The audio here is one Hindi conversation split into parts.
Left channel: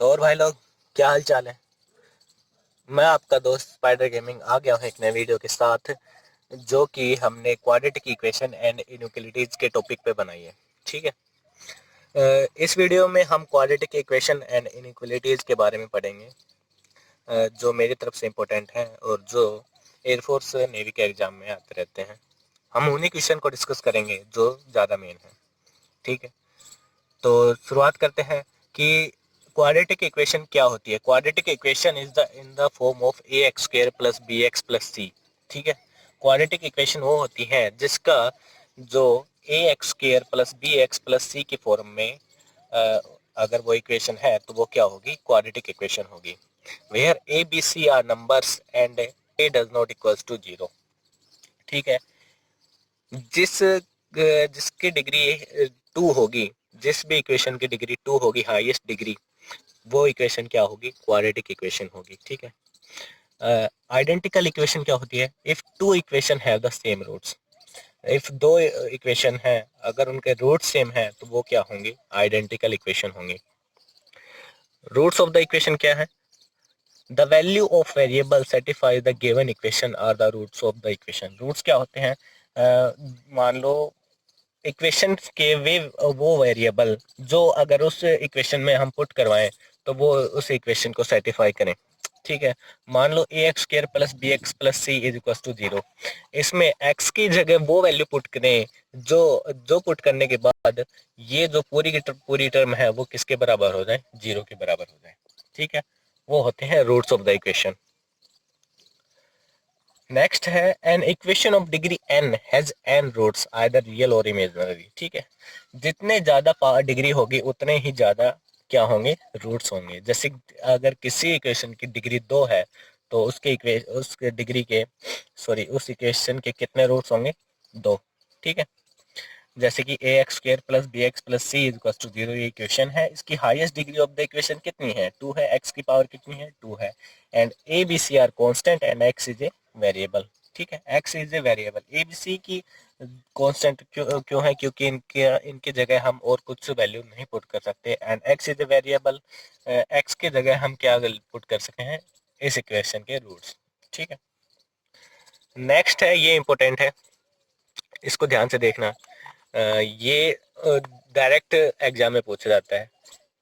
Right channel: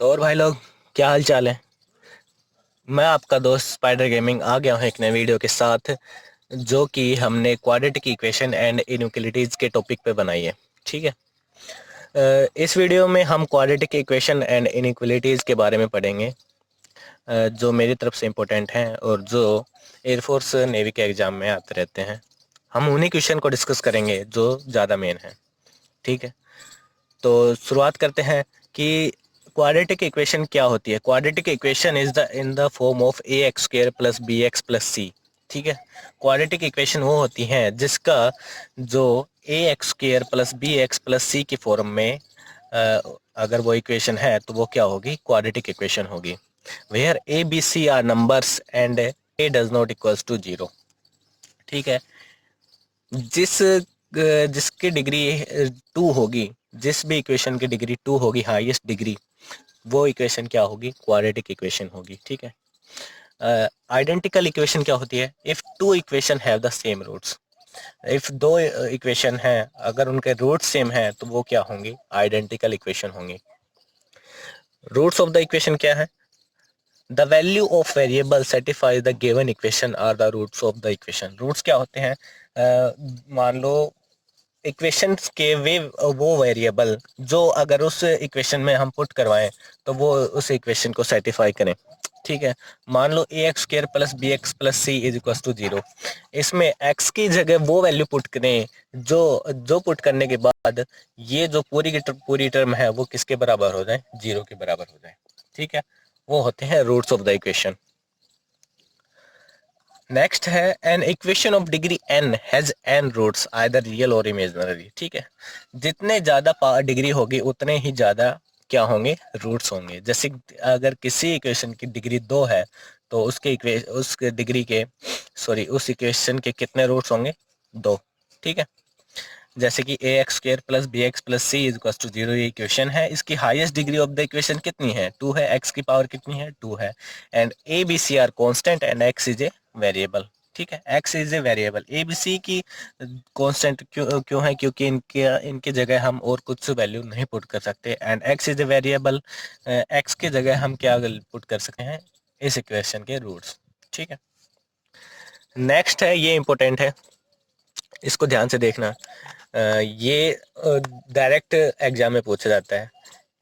तो और भाई लोग, क्या हाल चाल है। मैं आपका दोस्त स्पाइडर गेमिंग आ गया हूँ एक नए वीडियो के साथ, जो कि हमने क्वाड्रेटिक इक्वेशन एंड इनइक्वालिटीज़ के टॉपिक पे बनाई है। ठीक है। इस वीडियो में हम क्वाड्रेटिक इक्वेशन एंड इनइक्वालिटीज़ के बारे में पढ़ेंगे, जो मेरी तरफ से इम्पोर्टेंट हैं और जो एयरफोर्स नेवी के एग्ज़ाम में आते रहते हैं। हम उन्हीं क्वेश्चन को डिस्कस करेंगे जो ज़्यादा मेन है। ठीक है। तो शुरुआत करते हैं कि क्वाड्रेटिक इक्वेशन क्या होती है। Quadratic equation is the in the form of a x square plus B x plus c. ठीक है। क्वाड्रेटिक इक्वेशन वो होती है जिसका जो a x square plus B x plus c के फॉर्म में अगर वो इक्वेशन है तो वो क्या होगी, क्वाड्रेटिक इक्वेशन होगी। Where a b c are numbers and a does not equals to zero. ठीक है। जिसकी डिग्री टू होगी, जिस भी इक्वेशन की डिग्री टू होगी, हाईएस्ट डिग्री, वो इक्वेशन क्या होगी, क्वाड्रेटिक इक्वेशन होगी। ठीक है। आइडेंटिकल इक्वेशन क्या होती है, if two equation have the same roots. If दो इक्वेशन है, अगर उनके रूट सेम है तो वो क्या होंगे, आइडेंटिकल इक्वेशन होंगे। रूट्स ऑफ द इक्वेशन क्या है, the value of variable satisfy the given equation are the roots of the equation. Roots क्या होते हैं, मान लो इक्वेशंस के वे वो वेरिएबल जो अगर उस इक्वेशन में हम पुट करवाएं तो वो उस इक्वेशन को सेटिफाई करें। ठीक है। मान लो a x square plus B x plus C is equal to zero. इसमें एक्स की जगह वो वैल्यू पुट करें जो जो पुट करने के बाद ये जो पूरी की पूरी टर्म है वो किसके बराबर हो जाए, जीरो के बराबर हो जाए। ठीक है। वो होते हैं roots of the equation. Next है an equation of degree n has n roots either real और इमेजिनरी। ठीक है। जितने ज़्यादा डिग्री होगी उतने ही ज़्यादा क्या होंगे, रूट्स होंगे। जैसे अगर किसी इक्वेशन की डिग्री दो है तो उस डिग्री के उस इक्वेशन के कितने रूट्स होंगे, दो। ठीक है। जैसे कि a x square plus B x plus C is equal to zero, ये इक्वेशन है। इसकी highest degree of the equation कितनी है, टू है। एक्स की पावर कितनी है, टू है। And a b c are constant and x is a variable. ठीक है। X is a variable. A b c की कांस्टेंट क्यों क्यों है, क्योंकि इनके इनके जगह हम और कुछ वैल्यू नहीं पुट कर सकते। And x is a variable. X के जगह हम क्या पुट कर सकते हैं, इस इक्वेशन के रूट्स। ठीक है। नेक्स्ट है, ये इंपॉर्टेंट है, इसको ध्यान से देखना। ये डायरेक्ट एग्जाम में पूछा जाता है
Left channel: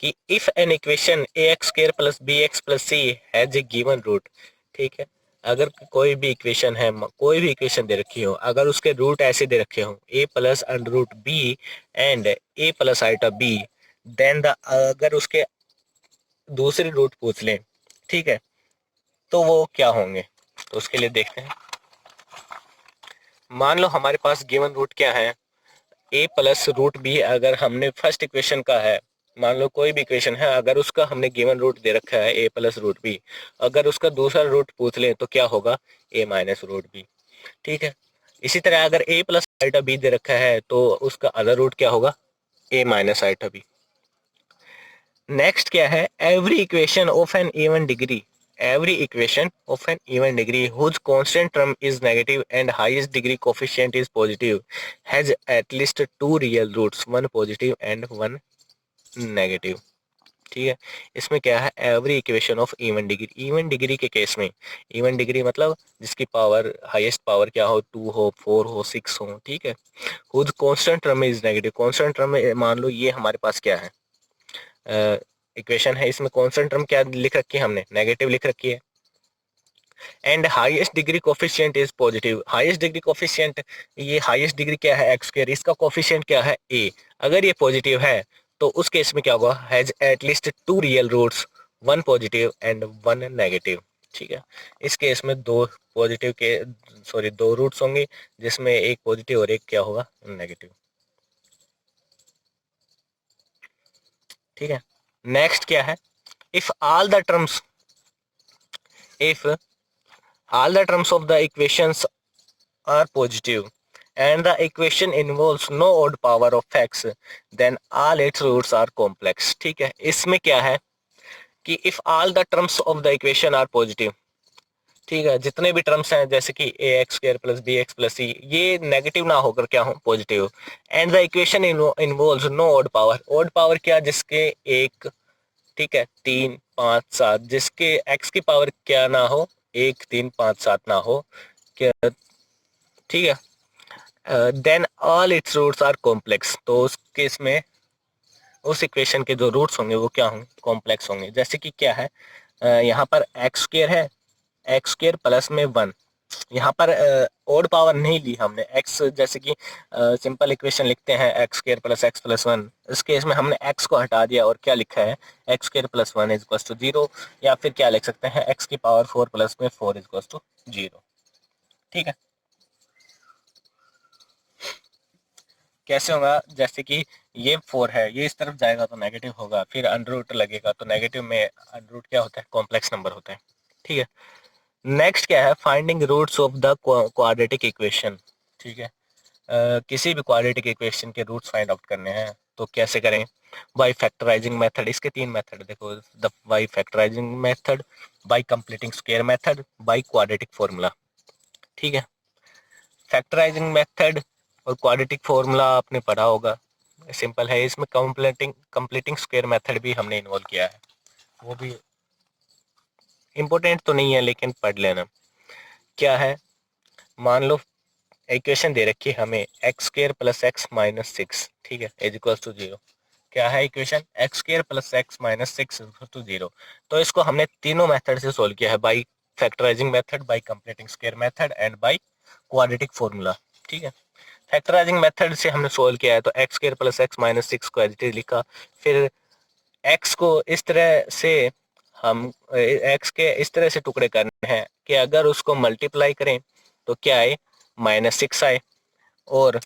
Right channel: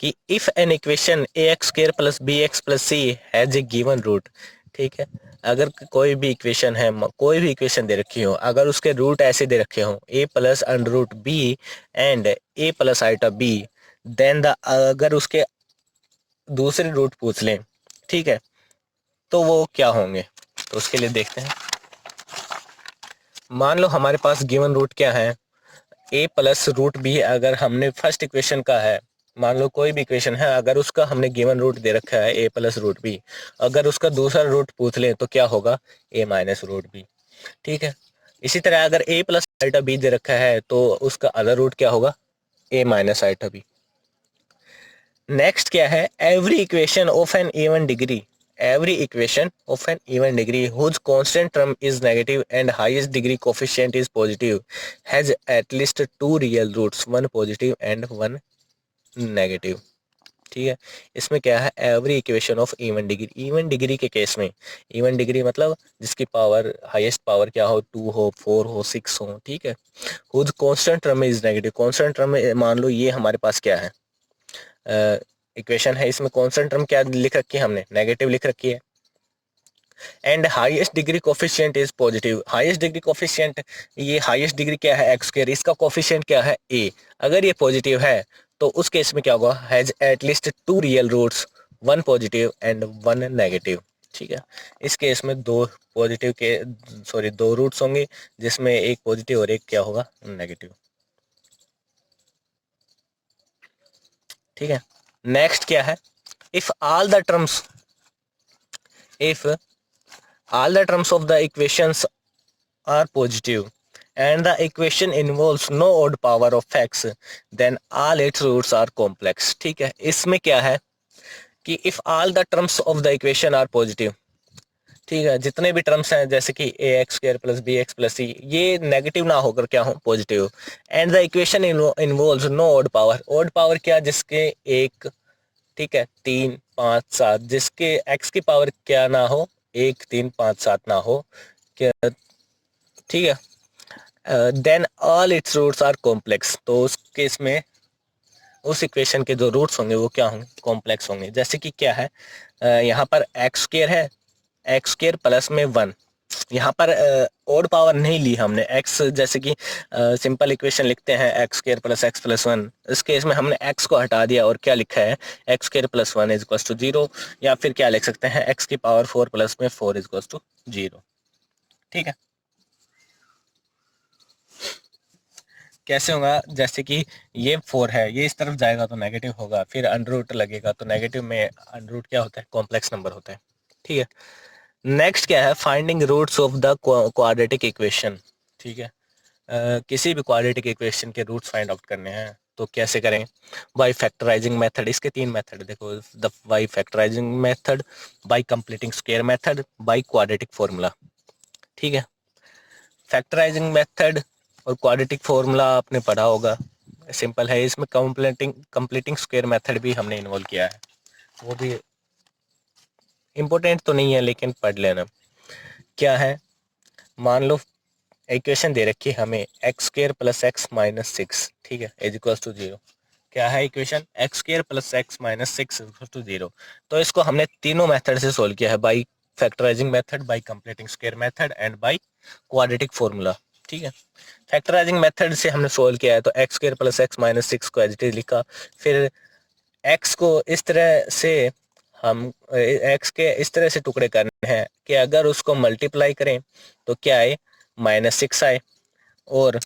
कि if an equation a x square plus B x plus c has a given root. ठीक है। अगर कोई भी इक्वेशन है, कोई भी इक्वेशन दे रखी हो, अगर उसके रूट ऐसे दे रखे हो a plus under root b and a plus iota b, then the अगर उसके दूसरे रूट पूछ लें, ठीक है, तो वो क्या होंगे। तो उसके लिए देखते हैं। मान लो हमारे पास गिवन रूट क्या है, ए प्लस रूट बी। अगर हमने फर्स्ट इक्वेशन का है, मान लो कोई भी इक्वेशन है, अगर उसका हमने गिवन रूट दे रखा है ए प्लस रूट बी, अगर उसका दूसरा रूट पूछ ले तो क्या होगा, ए माइनस रूट बी। ठीक है। इसी तरह अगर ए प्लस आइटा बी दे रखा है तो उसका अदर रूट क्या होगा, a minus iota b. Next क्या है, every equation of an even degree, every equation of an even degree whose constant term is negative and highest degree coefficient is positive has at least two real roots, one positive and one negative। ठीक है। इसमें क्या है, every equation of even degree, even degree के केस में, इवन डिग्री मतलब जिसकी पावर हाईएस्ट पावर क्या हो, टू हो, फोर हो, सिक्स हो। ठीक है। whose constant term is negative, constant term मान लो ये हमारे पास क्या है, इक्वेशन है, इसमें कॉन्स्टेंट टर्म क्या लिख रखी है हमने, नेगेटिव लिख रखी है। And highest degree coefficient is positive, highest degree coefficient, ये हाईएस्ट डिग्री क्या है, एक्स स्क्वायर, इसका कोफिशिएंट क्या है, ए। अगर ये पॉजिटिव है तो उस केस में क्या होगा, has at least two real roots, one positive and one negative. ठीक है। इस केस में दो पॉजिटिव के दो रूट्स होंगे, जिसमें एक पॉजिटिव और एक क्या होगा, नेगेटिव। ठीक है। नेक्स्ट क्या है, if all the terms, if all the terms of the equations are positive and the equation involves no odd power of x, then all its roots are complex। ठीक है। इसमें क्या है कि if all the terms of the equation are positive, ठीक है, जितने भी टर्म्स हैं जैसे कि a x square plus B x plus c, ये नेगेटिव ना होकर क्या हो, positive. And the equation involves no odd power, odd power क्या, जिसके एक ठीक है, 3 5 7 जिसके x की पावर क्या ना हो, 1 3 5 7 ना हो क्या, ठीक है। Then all its roots are complex, तो उस केस में उस इक्वेशन के जो रूट्स होंगे वो क्या होंगे, कॉम्प्लेक्स होंगे। जैसे कि क्या है, यहाँ पर एक्स स्क्र है, एक्स स्क्र प्लस में 1, यहाँ पर ओड पावर नहीं ली हमने एक्स, जैसे कि सिंपल इक्वेशन लिखते हैं x square plus x plus 1, इस केस में हमने एक्स को हटा दिया और क्या लिखा है, x square plus 1 is equal to 0, या फिर क्या लिख सकते हैं, एक्स की पावर 4 प्लस में 4 इज इक्वल टू 0। ठीक है, कैसे होगा, जैसे कि ये 4 है, ये इस तरफ जाएगा तो नेगेटिव होगा, फिर अंडर रूट लगेगा तो नेगेटिव में अंडर रूट क्या होता है, कॉम्प्लेक्स नंबर होता है। ठीक है, नेक्स्ट क्या है, finding roots of the quadratic equation. ठीक है, किसी भी क्वाड्रेटिक इक्वेशन के रूट्स फाइंड आउट करने हैं तो कैसे करें, बाय फैक्टराइजिंग मेथड। इसके 3 मेथड देखो, the by factorising method, by completing square method, by quadratic formula. ठीक है, फैक्टराइजिंग मेथड और क्वाड्रेटिक फॉर्मूला आपने पढ़ा होगा, सिंपल है। इसमें कंप्लीटिंग कंप्लीटिंग स्क्वायर मेथड भी हमने इन्वॉल्व किया है, वो भी इम्पोर्टेंट तो नहीं है लेकिन पढ़ लेना। क्या है, मान लो इक्वेशन दे रखी है हमें x square plus x minus 6, ठीक है, इज इक्वल टू 0। क्या है equation, x square plus x minus 6 is equal to 0। तो इसको हमने तीनों मेथड से सोल्व किया है, by factorising method, by completing square method and by quadratic formula. ठीक है, फैक्टराइजिंग मेथड से हमने सोल्व किया है तो x square plus x minus 6 को एज इट इज लिखा, फिर एक्स को इस तरह से हम एक्स के इस तरह से टुकड़े करने हैं कि अगर उसको मल्टीप्लाई करें तो क्या आए, -6 आए, और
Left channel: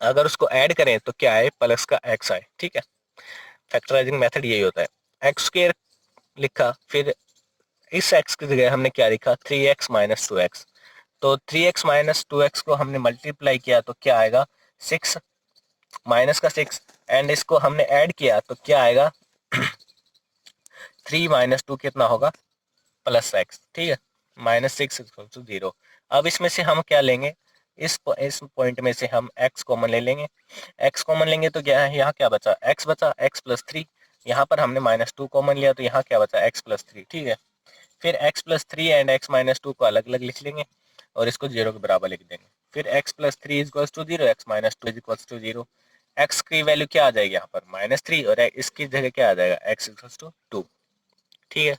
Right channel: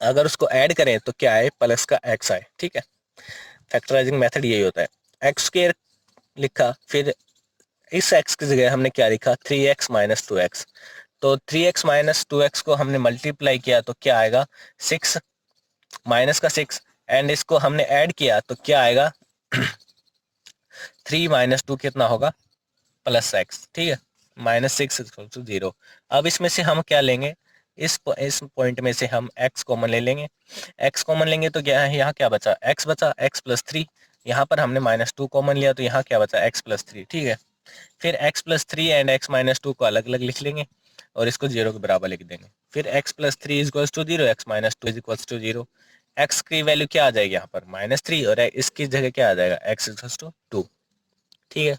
अगर उसको ऐड करें तो क्या आए, प्लस का एक्स आए। ठीक है, फैक्टराइजिंग मेथड यही होता है। एक्स स्क्वायर लिखा, फिर इस एक्स की जगह हमने क्या लिखा, 3x माइनस 2x। तो 3x माइनस 2x को हमने मल्टीप्लाई किया तो क्या आएगा, 6 माइनस का 6, एंड इसको हमने ऐड किया तो क्या आएगा, 3 माइनस 2 कितना होगा, प्लस एक्स। ठीक है, -6 इक्वल टू 0। अब इसमें से हम क्या लेंगे, इस पॉइंट में से हम x कॉमन ले लेंगे। x कॉमन लेंगे तो क्या है, यहाँ क्या बचा, x बचा, x प्लस 3। यहाँ पर हमने -2 कॉमन लिया तो यहाँ क्या बचा, x प्लस 3। ठीक है, फिर x plus 3 and x minus 2 को अलग अलग लिख लेंगे और इसको 0 के बराबर लिख देंगे। फिर x plus 3 is equal to 0, x minus 2 is equal to 0। x की वैल्यू क्या आ जाएगी यहाँ पर, -3, और इसकी जगह क्या आ जाएगा, x इज इक्वल टू 2। ठीक है,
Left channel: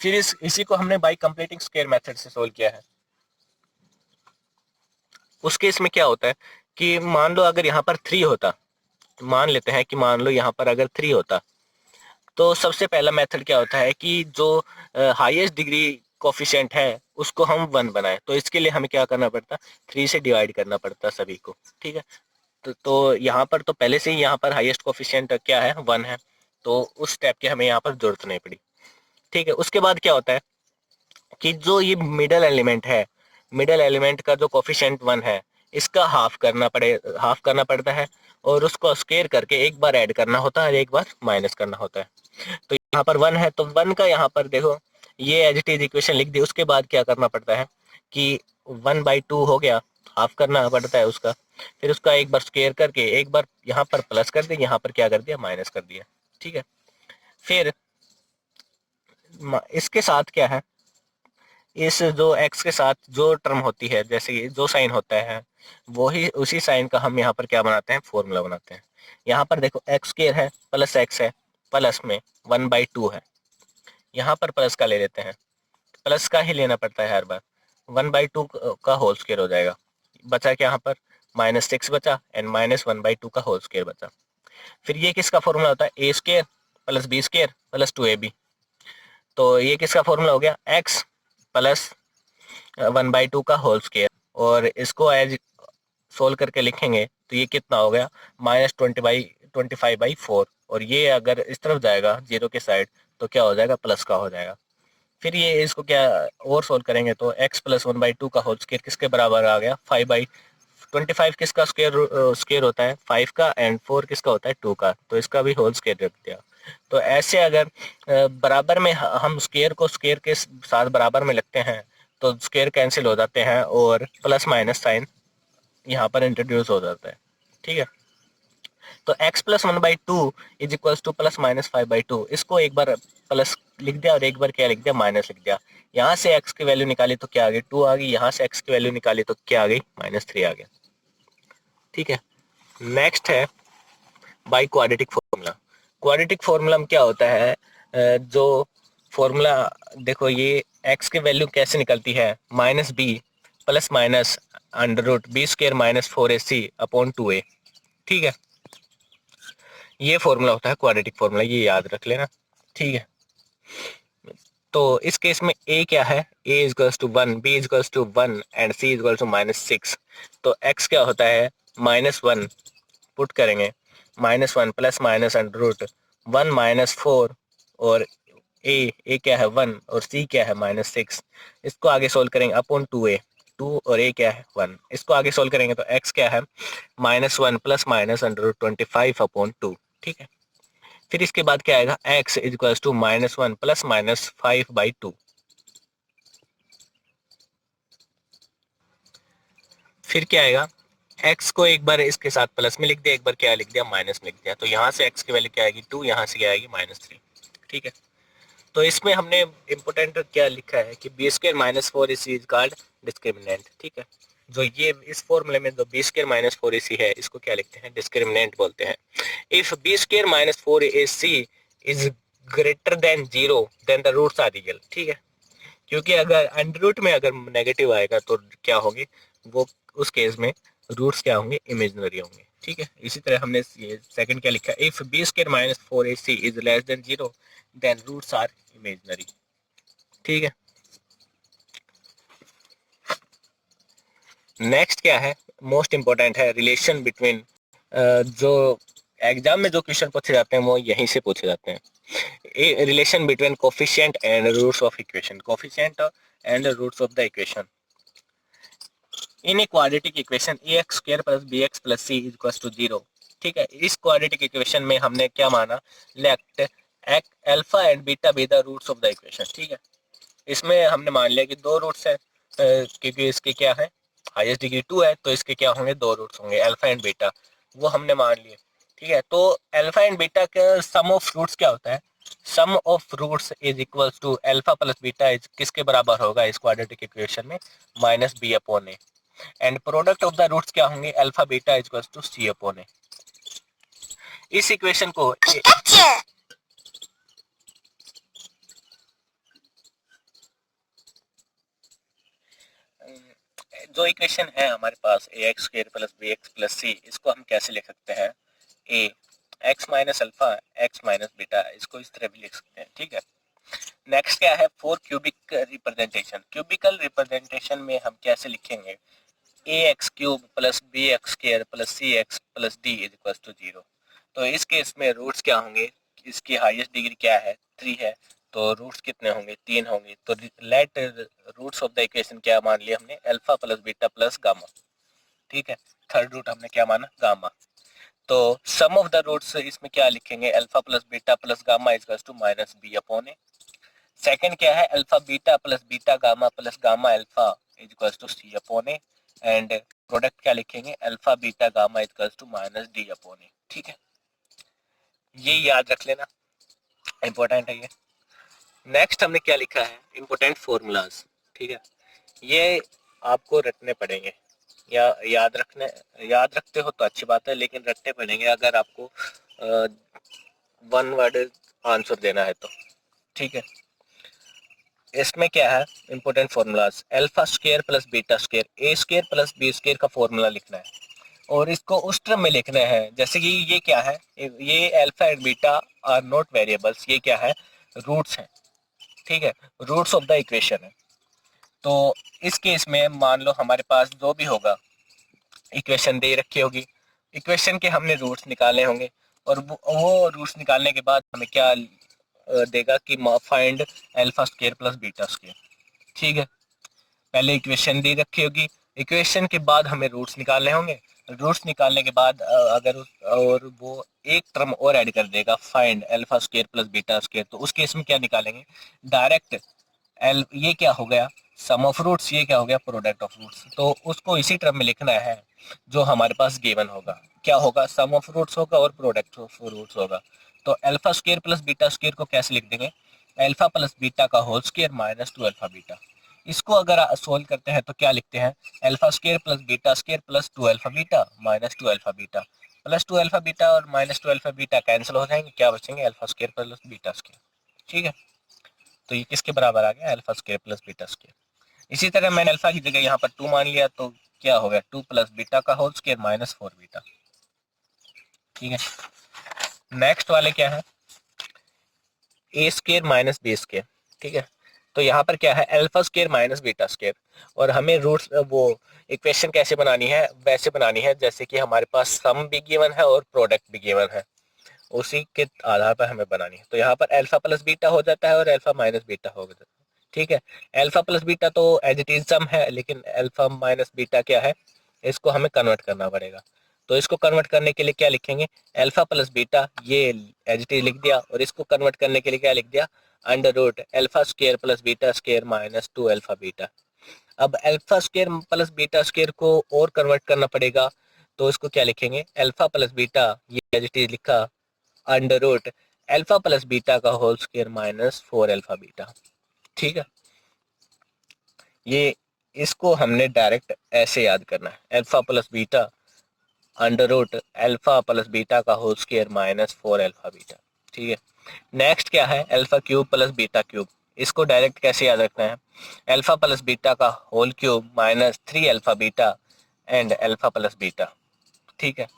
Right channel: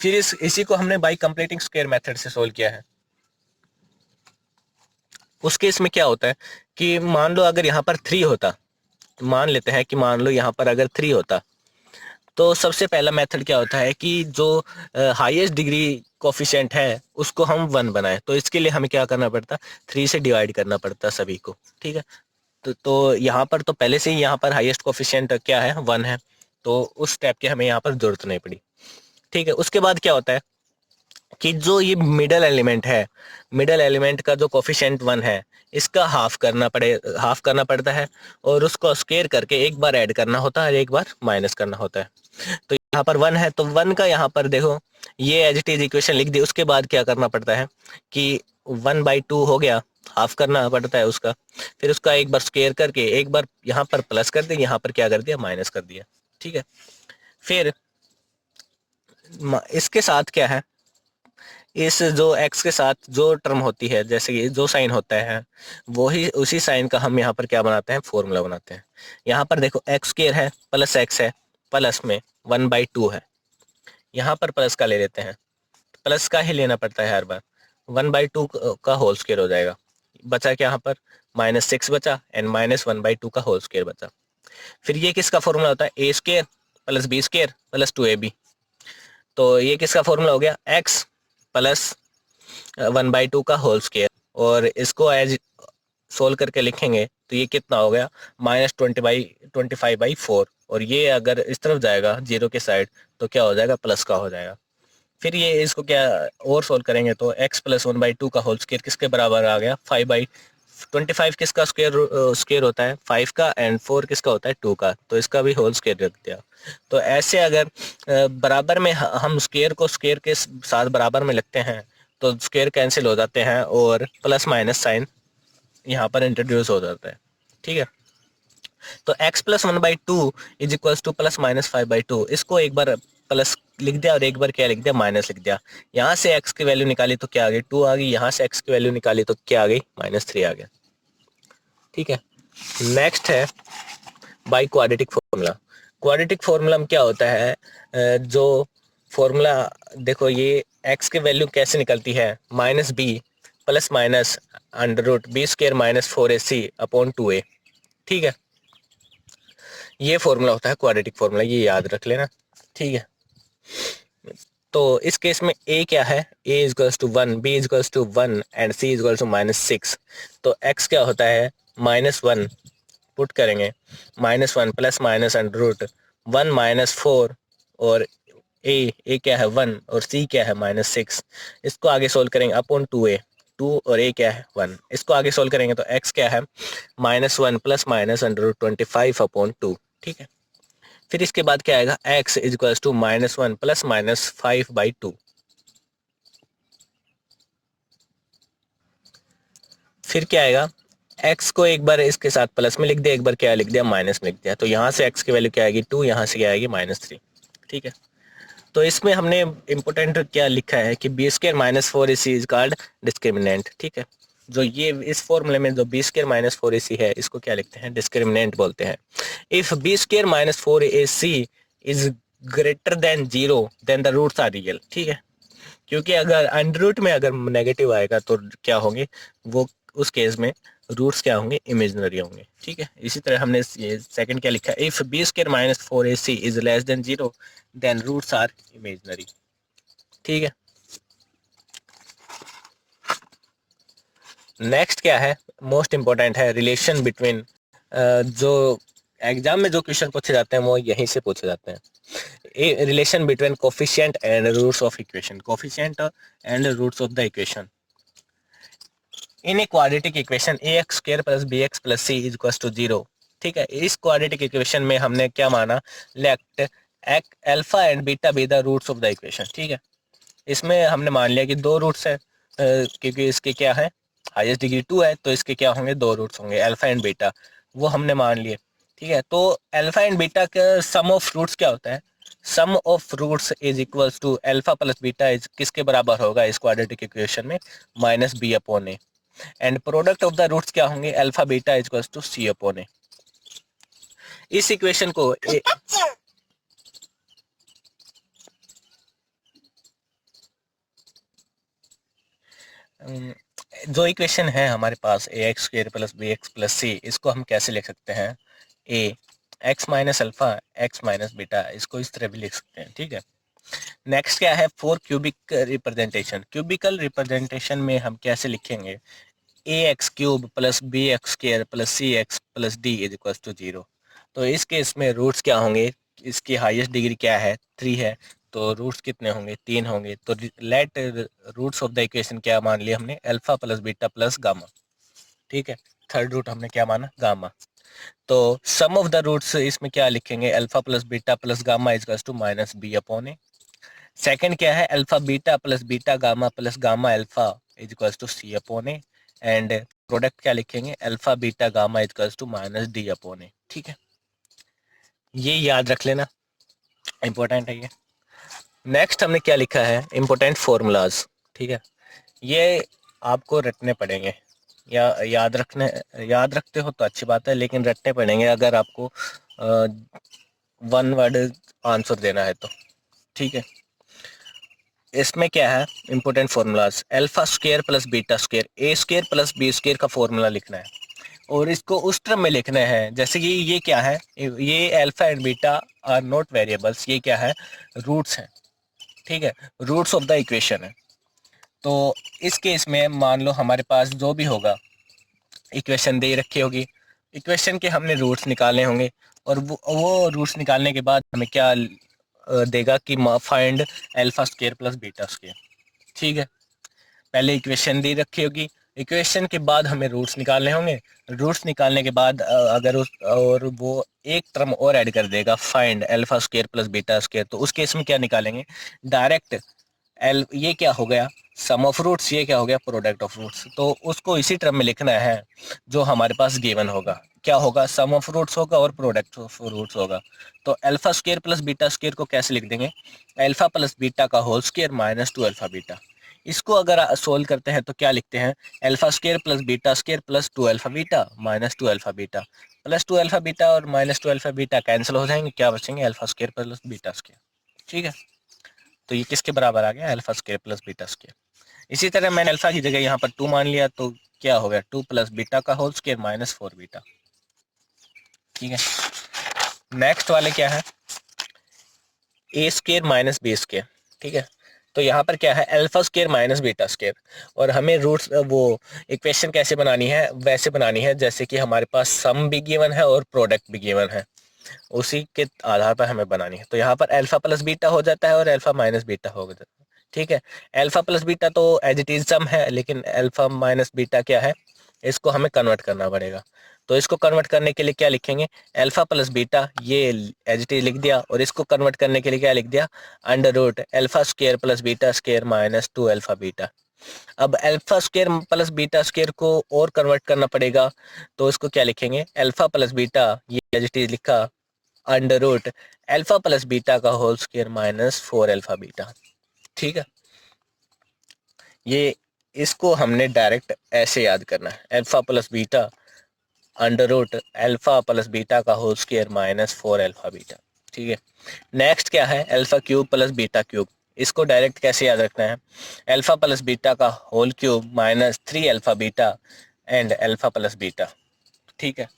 फिर इसी को हमने बाई कंप्लीटिंग स्क्वायर मेथड से सोल्व किया है। उस केस में क्या होता है कि मान लो अगर यहाँ पर 3 होता, मान लेते हैं कि मान लो यहाँ पर अगर 3 होता, तो सबसे पहला मेथड क्या होता है कि जो हाईएस्ट डिग्री कोफिशिएंट है उसको हम 1 बनाए, तो इसके लिए हमें क्या करना पड़ता, 3 से डिवाइड करना पड़ता सभी को। ठीक है, तो यहाँ पर तो पहले से ही यहाँ पर हाईएस्ट कोफिशिएंट क्या है, 1 है, तो उस स्टेप की हमें यहाँ पर जरूरत नहीं पड़ी। ठीक है, उसके बाद क्या होता है कि जो ये मिडल एलिमेंट है, मिडल एलिमेंट का जो कोफिशिएंट 1 है, इसका हाफ करना पड़ता है, और उसको स्क्वायर करके एक बार ऐड करना होता है और एक बार माइनस करना होता है। तो यहाँ पर 1 है तो 1 का यहाँ पर देखो, ये एज इट इज इक्वेशन लिख दी। उसके बाद क्या करना पड़ता है कि 1/2 हो गया, हाफ करना पड़ता है उसका, फिर उसका एक बार स्क्वायर करके एक बार यहाँ पर प्लस कर दिया, यहाँ पर क्या कर दिया, माइनस कर दिया। ठीक है, फिर इसके साथ क्या है, इस जो x के साथ जो टर्म होती है, जैसे कि जो साइन होता है, वही उसी साइन का हम यहाँ पर क्या बनाते हैं, फॉर्मूला बनाते हैं। यहाँ पर देखो एक्स स्क्वायर है प्लस एक्स है, प्लस में 1/2 है, यहाँ पर प्लस का ले लेते हैं, प्लस का ही लेना पड़ता है हर बार। 1/2 का होल स्क्वायर हो जाएगा, बचा क्या यहाँ पर, -6 बचा एंड -1/2 का होल स्क्वायर बचा। फिर ये किसका फॉर्मूला होता है, a square plus b square plus 2ab। तो ये किसका फॉर्मूला हो गया, x प्लस 1/2 का होल स्क्वायर, और इसको एज सोल्व करके लिखेंगे तो ये कितना हो गया, -25/4, और ये अगर इस तरफ जाएगा जीरो के साइड तो क्या हो जाएगा, प्लस का हो जाएगा। फिर ये इसको क्या और सोल्व करेंगे तो x प्लस 1/2 का होल स्क्वायर किसके बराबर आ गया, 5/25। किसका स्क्वायर होता है, 5 का, एंड 4 किसका होता है, 2 का, तो इसका भी होल स्क्वायर रख दिया। तो ऐसे अगर बराबर में हम स्क्वायर को स्क्वायर के साथ बराबर में लिखते हैं तो स्क्वायर कैंसिल हो जाते हैं और प्लस माइनस साइन यहाँ पर इंट्रोड्यूस हो जाता है। ठीक है, तो x plus 1/2 is equals two plus minus 5/2। इसको एक बार प्लस लिख दिया और एक बार क्या लिख दिया, माइनस लिख दिया। यहाँ से x की वैल्यू निकाली तो क्या आ गई, 2 आ गई। यहाँ से x की वैल्यू निकाली तो क्या आ गई, -3 आ गया। ठीक है, नेक्स्ट है by quadratic formula. Quadratic formula में क्या होता है, जो फॉर्मूला देखो, ये x की वैल्यू कैसे निकलती है, -b plus minus under root b² -4ac upon 2a। ठीक है, ये फॉर्मूला होता है क्वाड्रेटिक फॉर्मूला, ये याद रख लेना। ठीक है, तो इस केस में a क्या है, a is equals to 1, b is equals to 1 and c is equals to -6। तो x क्या होता है, -1 पुट करेंगे, -1 प्लस माइनस अंडर रूट 1 -4 और a क्या है 1 और c क्या है -6। इसको आगे सोल्व करेंगे अपॉन 2a, 2 और a क्या है 1। इसको आगे सोल्व करेंगे तो x क्या है -1 plus minus under root 25 upon 2। ठीक है, फिर इसके बाद क्या आएगा, x is equals to -1 plus minus 5/2। फिर क्या आएगा, x को एक बार इसके साथ प्लस में लिख दिया, एक बार क्या लिख दिया, माइनस में लिख दिया। तो यहाँ से x की वैल्यू क्या आएगी 2, यहाँ से क्या आएगी -3। ठीक है, तो इसमें हमने इम्पोर्टेंट क्या लिखा है कि b² -4ac is called discriminant. ठीक है, जो ये इस फॉर्मूले में जो b² -4ac है, इसको क्या लिखते हैं, डिस्क्रिमिनेंट बोलते हैं। If b² -4ac is greater than 0 then the roots are real. ठीक है, क्योंकि अगर अंडर रूट में अगर नेगेटिव आएगा तो क्या होंगे, वो उस केस में रूट्स क्या होंगे, इमेजिनरी होंगे। ठीक है, इसी तरह हमने ये सेकंड क्या लिखा है, if b² -4ac is less than 0 then roots are imaginary. ठीक है, नेक्स्ट क्या है, मोस्ट इम्पोर्टेंट है, रिलेशन बिटवीन, जो एग्जाम में जो क्वेश्चन पूछे जाते हैं वो यहीं से पूछे जाते हैं। Relation between coefficient and roots of equation, coefficient and roots of the equation in a quadratic equation ax² + bx + c is equals to 0। ठीक है, इस क्वाड्रेटिक इक्वेशन में हमने क्या माना, let alpha and beta be the roots of the equation. ठीक है, इसमें हमने मान लिया कि दो रूट्स है, क्योंकि इसके क्या है, हाईएस्ट डिग्री 2 है, तो इसके क्या होंगे, दो रूट्स होंगे, अल्फा एंड बीटा, वो हमने मान लिए। ठीक है, तो अल्फा एंड बीटा का सम ऑफ रूट्स क्या होता है, sum of roots is equals to alpha plus beta is किसके बराबर होगा इस क्वाड्रेटिक इक्वेशन में, -b/a। And product of the roots क्या होंगे, alpha beta is equals to c/a। इस इक्वेशन को जो इक्वेशन है हमारे पास ax² + bx + c, इसको हम कैसे लिख सकते हैं, a x - alpha x - beta, इसको इस तरह भी लिख सकते हैं। ठीक है, नेक्स्ट क्या है, for cubic representation. Cubical representation में हम कैसे लिखेंगे, ax³ + bx² + cx + d is equal to 0। तो इस केस में रूट्स क्या होंगे, इसकी हाईएस्ट डिग्री क्या है, 3 है, तो रूट्स कितने होंगे, 3 होंगे। तो let roots of the equation क्या मान लिया हमने, alpha plus beta plus gamma. ठीक है, थर्ड रूट हमने क्या माना, गामा। तो सम ऑफ द रूट्स इसमें क्या लिखेंगे, alpha plus beta plus gamma is to -b/a। Second क्या है, alpha beta plus beta gamma plus gamma alpha is equals to c/a। And product क्या लिखेंगे, alpha beta gamma is equals to -d/a। ठीक है, ये याद रख लेना, इंपॉर्टेंट है ये। नेक्स्ट हमने क्या लिखा है, इंपॉर्टेंट फॉर्मूलाज। ठीक है, ये आपको रटने पड़ेंगे, या याद रखते हो तो अच्छी बात है, लेकिन रटने पड़ेंगे अगर आपको वन वर्ड आंसर देना है तो। ठीक है, इसमें क्या है, इंपॉर्टेंट फॉर्मूलाज, अल्फा² + बीटा², a² + b² का फॉर्मूला लिखना है और इसको उस टर्म में लिखना है जैसे कि ये क्या है, ये alpha and beta are not variables, ये क्या है, रूट्स हैं। ठीक है, रूट्स ऑफ द इक्वेशन है। तो इस केस में मान लो हमारे पास जो भी होगा, इक्वेशन दे रखी होगी, इक्वेशन के हमने रूट्स निकालने होंगे, और वो रूट्स निकालने के बाद हमें क्या देगा कि फाइंड अल्फा² + बीटा²। ठीक है, पहले इक्वेशन दी रखी होगी, इक्वेशन के बाद हमें रूट्स निकालने होंगे, रूट्स निकालने के बाद अगर उस और वो एक टर्म और ऐड कर देगा, फाइंड अल्फा² + बीटा², तो उस केस में क्या निकालेंगे, डायरेक्ट एल, ये क्या हो गया, सम ऑफ रूट्स, ये क्या हो गया, प्रोडक्ट ऑफ रूट्स। तो उसको इसी टर्म में लिखना है जो हमारे पास गिवन होगा। क्या होगा, सम ऑफ रूट्स होगा और प्रोडक्ट ऑफ रूट्स होगा। तो alpha square plus beta square को कैसे लिख देंगे, अल्फा प्लस बीटा का whole square minus 2 alpha beta. इसको अगर सोल्व करते हैं तो क्या लिखते हैं, alpha square plus beta square plus 2 alpha beta minus 2 alpha beta. Plus 2 alpha beta और माइनस 2 अल्फा बीटा कैंसिल हो जाएंगे, क्या बचेंगे, alpha square plus beta square. ठीक है, तो ये किसके बराबर आ गया, alpha square plus beta square. इसी तरह मैंने अल्फा की जगह यहाँ पर 2 मान लिया, तो क्या हो गया, 2 प्लस बीटा का होल स्क्वायर माइनस 4 बीटा। ठीक है, नेक्स्ट वाले क्या है, a square minus B square. ठीक है, तो यहाँ पर क्या है, alpha square minus beta square. और हमें रूट्स वो इक्वेशन कैसे बनानी है, वैसे बनानी है जैसे कि हमारे पास सम भी गिवन है और प्रोडक्ट भी गिवन है, उसी के आधार पर हमें बनानी है। तो यहाँ पर अल्फा प्लस बीटा हो जाता है और अल्फा माइनस बीटा हो जाता है। ठीक है, अल्फा प्लस बीटा तो एज इट इज सम है, लेकिन अल्फा माइनस बीटा क्या है, इसको हमें कन्वर्ट करना पड़ेगा। तो इसको कन्वर्ट करने के लिए क्या लिखेंगे, अल्फा प्लस बीटा, ये एज इट इज लिख दिया, और इसको कन्वर्ट करने के लिए क्या लिख दिया, under root alpha square plus beta square minus 2 alpha beta. अब alpha square plus beta square को और कन्वर्ट करना पड़ेगा, तो इसको क्या लिखेंगे, अल्फा प्लस बीटा, ये एज इट इज लिखा, under root alpha plus beta का whole square minus 4 alpha beta. ठीक है, ये इसको हमने डायरेक्ट ऐसे याद करना है, alpha plus beta under root alpha plus beta का whole square minus 4 alpha beta. ठीक है, नेक्स्ट क्या है, alpha cube plus beta cube. इसको डायरेक्ट कैसे याद रखना है, अल्फा प्लस बीटा का whole cube minus 3 alpha beta and alpha plus beta. ठीक है,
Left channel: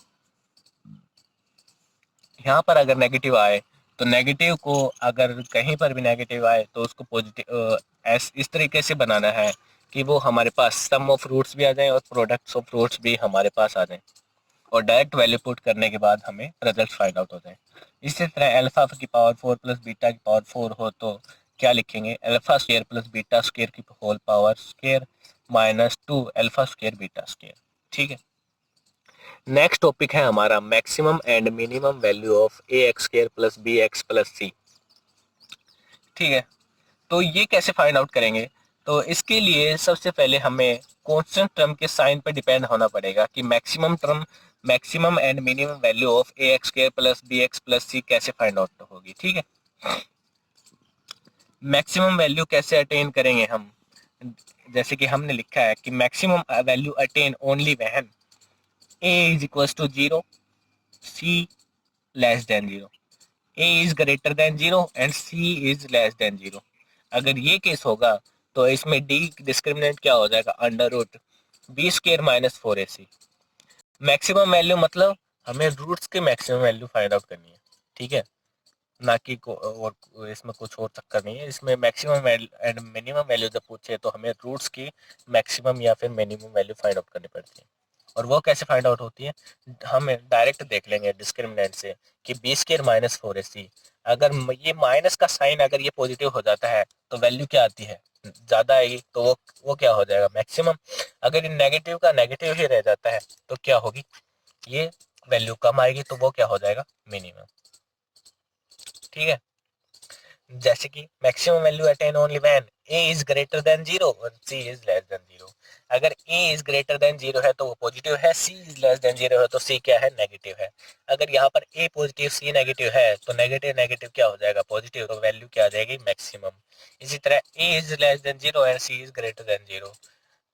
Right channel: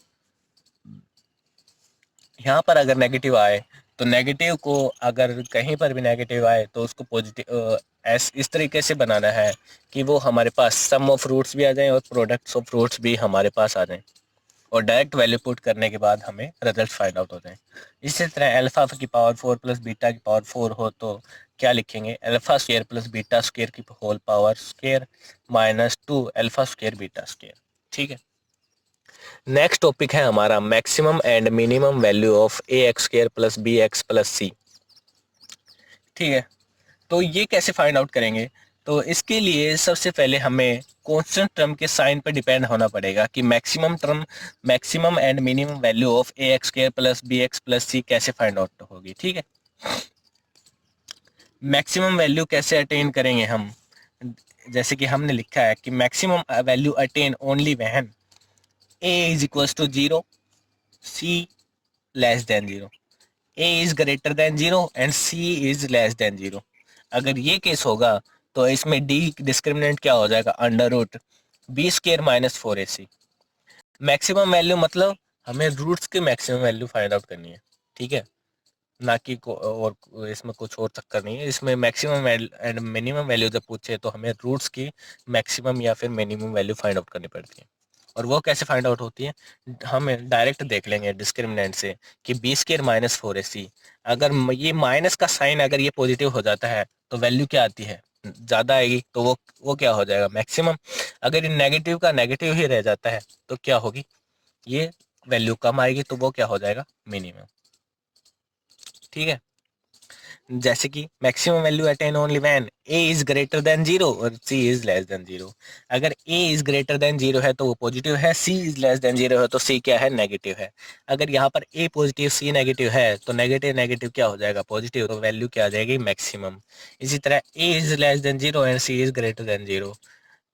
यहाँ पर अगर नेगेटिव आए तो नेगेटिव को, अगर कहीं पर भी नेगेटिव आए तो उसको पॉजिटिव इस तरीके से बनाना है कि वो हमारे पास सम ऑफ रूट्स भी आ जाएं और प्रोडक्ट्स ऑफ रूट्स भी हमारे पास आ जाएं, और डायरेक्ट वैल्यू पुट करने के बाद हमें रिजल्ट फाइंड आउट हो जाए। इसी तरह अल्फा की पावर 4 प्लस बीटा की पावर 4 हो तो क्या लिखेंगे, alpha square plus beta square की whole power square minus 2 alpha square beta square. ठीक है, नेक्स्ट टॉपिक है हमारा maximum and minimum value of a x square plus B x plus c. ठीक है, तो ये कैसे फाइंड आउट करेंगे, तो इसके लिए सबसे पहले हमें कांस्टेंट टर्म के साइन पर डिपेंड होना पड़ेगा कि maximum term, maximum and minimum value of a x square plus B x plus c कैसे फाइंड आउट होगी। ठीक है, मैक्सिमम वैल्यू कैसे अटेन करेंगे हम, जैसे कि हमने लिखा है कि maximum value attain only when a is equals to 0, c less than 0, a is greater than 0 and c is less than 0। अगर ये केस होगा तो इसमें d डिस्क्रिमिनेंट क्या हो जाएगा, under root b square minus 4ac। Maximum value मतलब हमें रूट्स की मैक्सिमम वैल्यू फाइंड आउट करनी है। ठीक है, ना कि और इसमें कुछ और चक्कर नहीं है। इसमें मैक्सिमम एंड मिनिमम वैल्यू जब पूछे तो हमें रूट्स की मैक्सिमम या फिर मिनिमम वैल्यू फाइंड आउट करनी पड़ती है। और वो कैसे फाइंड आउट होती है, हम डायरेक्ट देख लेंगे डिस्क्रिमिनेंट से कि बी स्क्र माइनस 4ac, अगर ये माइनस का साइन अगर ये पॉजिटिव हो जाता है तो वैल्यू क्या आती है, ज़्यादा आएगी, तो वो क्या हो जाएगा, मैक्सिमम। अगर ये नेगेटिव का नेगेटिव ही रह जाता है तो क्या होगी, ये वैल्यू कम आएगी, तो वो क्या हो जाएगा, मिनिमम। ठीक है, जैसे कि maximum value attain only when a is greater than 0 और c इज लेस देन 0। अगर a इज ग्रेटर देन 0 है तो वो पॉजिटिव है, c इज लेस देन 0 है तो c क्या है, नेगेटिव है। अगर यहाँ पर a पॉजिटिव c नेगेटिव है तो नेगेटिव नेगेटिव क्या हो जाएगा, पॉजिटिव, तो वैल्यू क्या आ जाएगी, मैक्सिमम। इसी तरह a is less than 0 and c is greater than 0,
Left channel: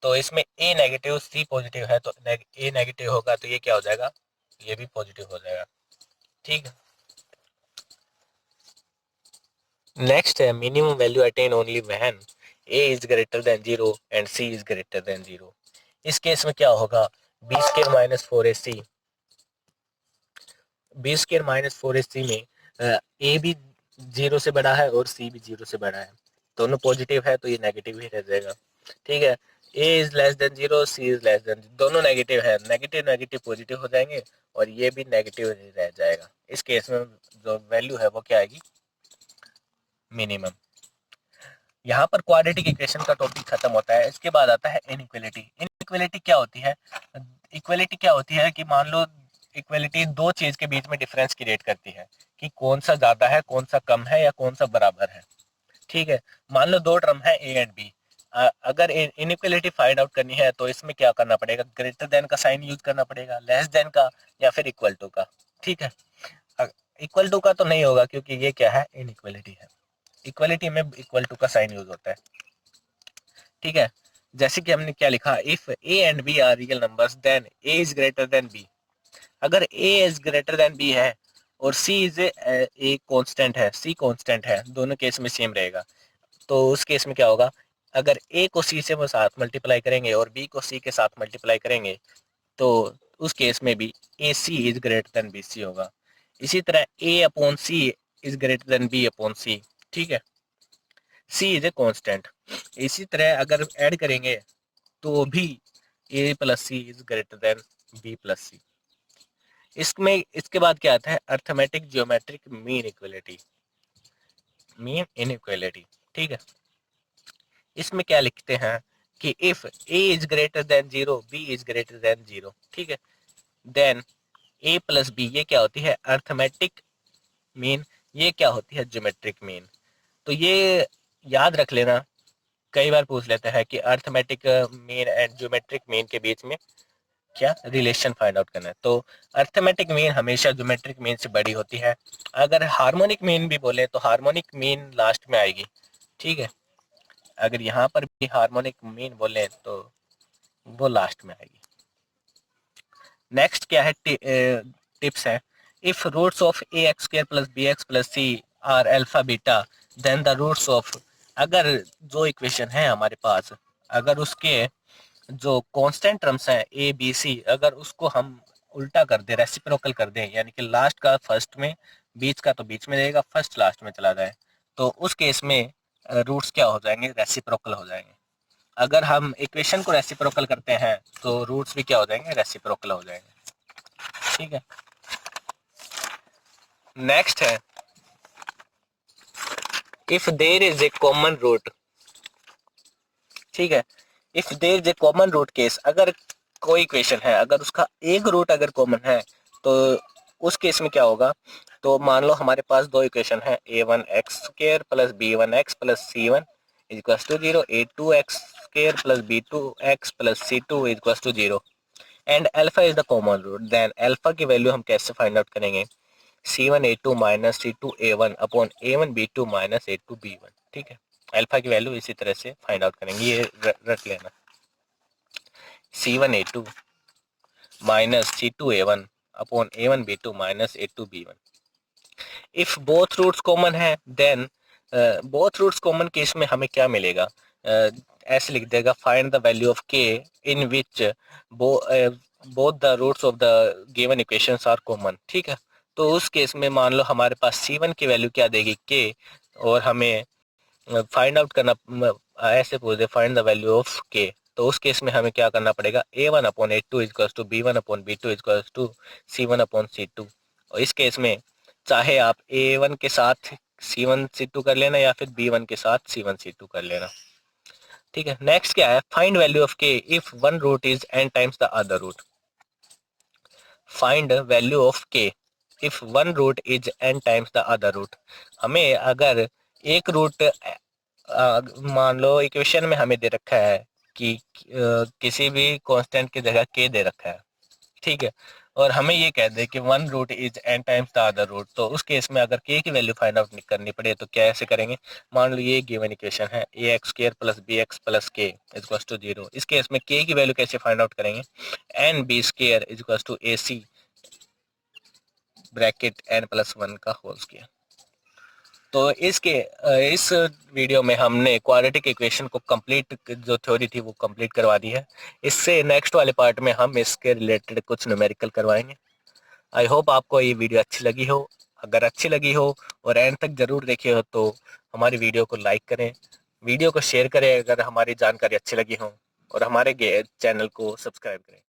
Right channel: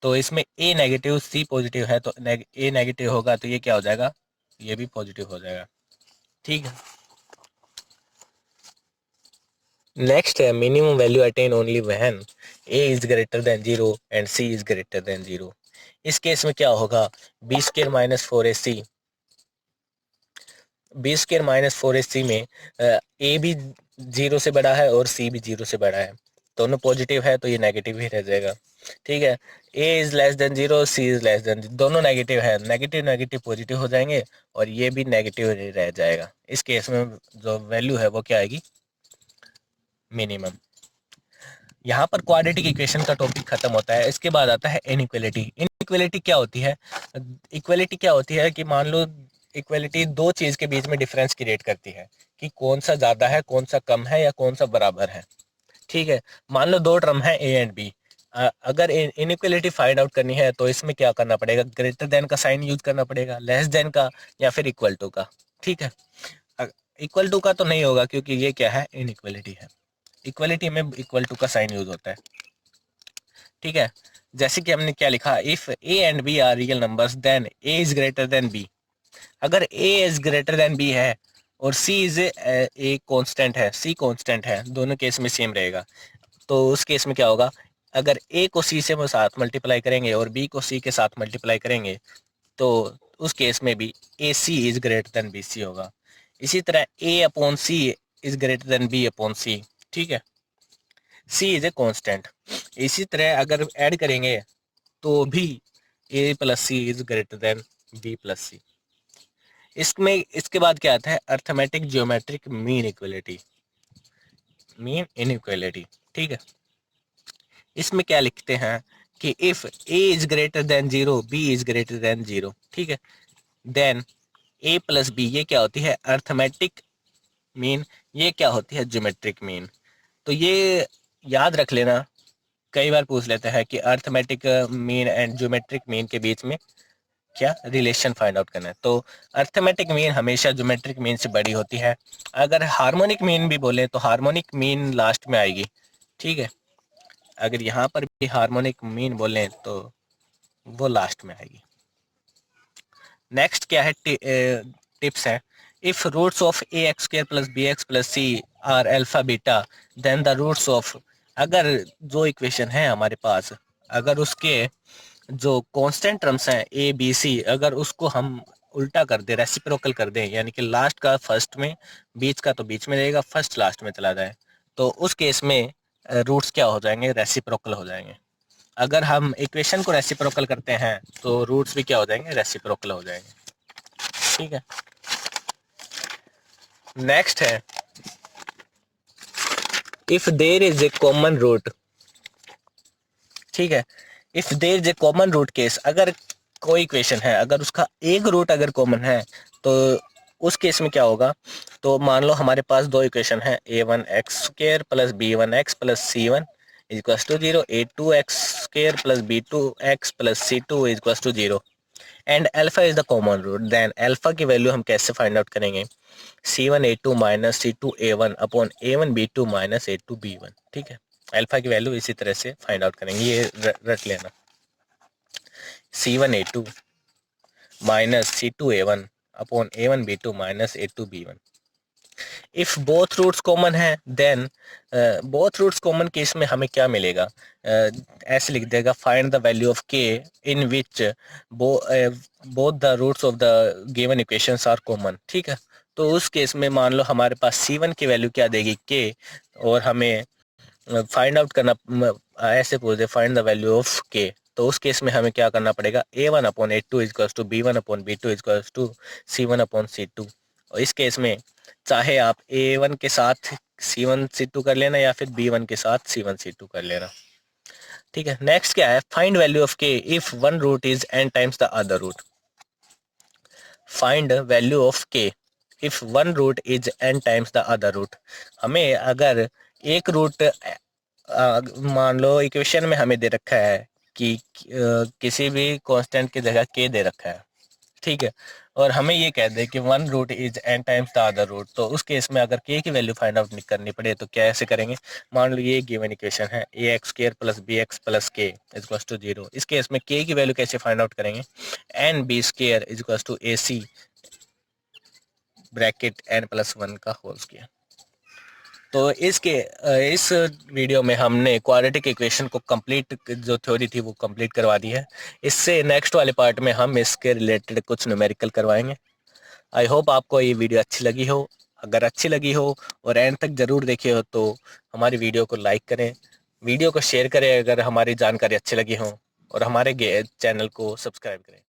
तो इसमें a नेगेटिव c पॉजिटिव है, तो a नेगेटिव होगा तो ये क्या हो जाएगा, ये भी पॉजिटिव हो जाएगा। ठीक है, नेक्स्ट है minimum value attain only when a is greater than 0 and c is greater than 0। इस केस में क्या होगा, b square minus 4ac, b square minus 4ac में a भी 0 से बड़ा है और c भी 0 से बड़ा है, दोनों पॉजिटिव है तो ये नेगेटिव ही रह जाएगा। ठीक है, a is less than 0, c is less then, दोनों नेगेटिव है, नेगेटिव नेगेटिव पॉजिटिव हो जाएंगे और ये भी नेगेटिव रह जाएगा। इस केस में जो वैल्यू है वो क्या आएगी, मिनिमम। यहाँ पर क्वाड्रेटिक इक्वेशन का टॉपिक खत्म होता है। इसके बाद आता है इनइक्वालिटी। इनइक्वालिटी क्या होती है, इक्वालिटी क्या होती है कि मान लो इक्वालिटी दो चीज़ के बीच में डिफरेंस क्रिएट करती है कि कौन सा ज़्यादा है, कौन सा कम है, या कौन सा बराबर है। ठीक है, मान लो दो टर्म है ए एंड बी, अगर इनइक्वलिटी फाइंड आउट करनी है तो इसमें क्या करना पड़ेगा, ग्रेटर देन का साइन यूज करना पड़ेगा, लेस देन का, या फिर इक्वल टू का। ठीक है, इक्वल टू का तो नहीं होगा क्योंकि ये क्या है, इनइक्वलिटी है। इक्वलिटी में इक्वल टू का साइन यूज होता है। ठीक है, जैसे कि हमने क्या लिखा, if a and b are real numbers then a is greater than b. अगर a is greater than b है और सी इज ए कांस्टेंट है, सी कांस्टेंट है, दोनों केस में सेम रहेगा, तो उस केस में क्या होगा, अगर ए को सी से साथ मल्टीप्लाई करेंगे और बी को सी के साथ मल्टीप्लाई करेंगे तो उस केस में भी a c is greater than b c होगा। इसी तरह a upon c is greater than b upon c. ठीक है, सी इज ए कांस्टेंट। इसी तरह अगर ऐड करेंगे तो भी A plus C is greater than B plus C. इसमें इसके बाद क्या आता है, arithmetic geometric mean equality, mean inequality. ठीक है, इसमें क्या लिखते हैं कि if A is greater than zero, B is greater than zero. ठीक है, देन ए प्लस बी, ये क्या होती है, अर्थमेटिक मीन, ये क्या होती है, ज्योमेट्रिक मीन। तो ये याद रख लेना, कई बार पूछ लेते हैं कि arithmetic mean and geometric mean के बीच में क्या रिलेशन फाइंड आउट करना है। तो अर्थमेटिक मीन हमेशा ज्योमेट्रिक मीन से बड़ी होती है। अगर हार्मोनिक मीन भी बोले तो हार्मोनिक मीन लास्ट में आएगी। ठीक है, अगर यहाँ पर भी हार्मोनिक मीन बोले तो वो लास्ट में आएगी। नेक्स्ट क्या है, टिप्स है, if roots of a x square plus B x plus c are alpha beta then the roots of, अगर जो इक्वेशन है हमारे पास, अगर उसके जो कांस्टेंट टर्म्स हैं ए बी सी, अगर उसको हम उल्टा कर दे, रेसिप्रोकल कर दें, यानी कि लास्ट का फर्स्ट में, बीच का तो बीच में रहेगा, फर्स्ट लास्ट में चला जाए, तो उस केस में रूट्स क्या हो जाएंगे, रेसिप्रोकल हो जाएंगे। अगर हम इक्वेशन को रेसिप्रोकल करते हैं तो रूट्स भी क्या हो जाएंगे, रेसिप्रोकल हो जाएंगे। ठीक है, नेक्स्ट है, if there is a common root. ठीक है, if there is a common root case, अगर कोई इक्वेशन है, अगर उसका एक रूट अगर कॉमन है तो उस केस में क्या होगा, तो मान लो हमारे पास दो इक्वेशन है, A one X square plus B one X plus C one equal to zero, A two X square plus B two X plus C two equal to zero, and alpha is the common root. Then alpha की वैल्यू हम कैसे फाइंड आउट करेंगे, C one A two minus C two A one upon A one B two minus A two B one. ठीक है, अल्फा की वैल्यू इसी तरह से फाइंड आउट करेंगे, ये रट लेना, C one A two minus C two A one upon A one B two minus A two B one. If both roots common है then, both roots common case में हमें क्या मिलेगा, ऐसे लिख देगा, find the value of K in which both the roots of the given equations are common. ठीक है, तो उस केस में मान लो हमारे पास सी वन की वैल्यू क्या देगी, के, और हमें फाइंड आउट करना, ऐसे पूछ दे find the value of K, तो उस केस में हमें क्या करना पड़ेगा, A one upon A two equals to B one upon B two equals to C one upon C two. और इस केस में चाहे आप ए वन के साथ सी वन सी टू कर लेना या फिर बी वन के साथ सी वन सी टू कर लेना। ठीक है, नेक्स्ट क्या है, find value of K if one root is N times the other root. Find value of K if one root is N times the other root. हमें अगर एक रूट, मान लो इक्वेशन में हमें दे रखा है कि किसी भी कांस्टेंट की जगह के दे रखा है। ठीक है, और हमें ये कह दे कि one root is N times the other root, तो उस केस में अगर के की वैल्यू फाइंड आउट करनी पड़े तो क्या ऐसे करेंगे, मान लो ये गिवन इक्वेशन है, A x square plus B x plus K equal to zero. इस केस में के की वैल्यू कैसे फाइंड आउट करेंगे, N B square equal to A C bracket N plus one का होल स्क्वायर। तो इस वीडियो में हमने क्वाड्रेटिक इक्वेशन को कंप्लीट, जो थ्योरी थी वो कंप्लीट करवा दी है। इससे नेक्स्ट वाले पार्ट में हम इसके रिलेटेड कुछ न्यूमेरिकल करवाएंगे। आई होप आपको ये वीडियो अच्छी लगी हो। अगर अच्छी लगी हो और एंड तक ज़रूर देखे हो तो हमारी वीडियो को लाइक करें, वीडियो को शेयर करें अगर हमारी जानकारी अच्छी लगी हो, और हमारे चैनल को सब्सक्राइब करें।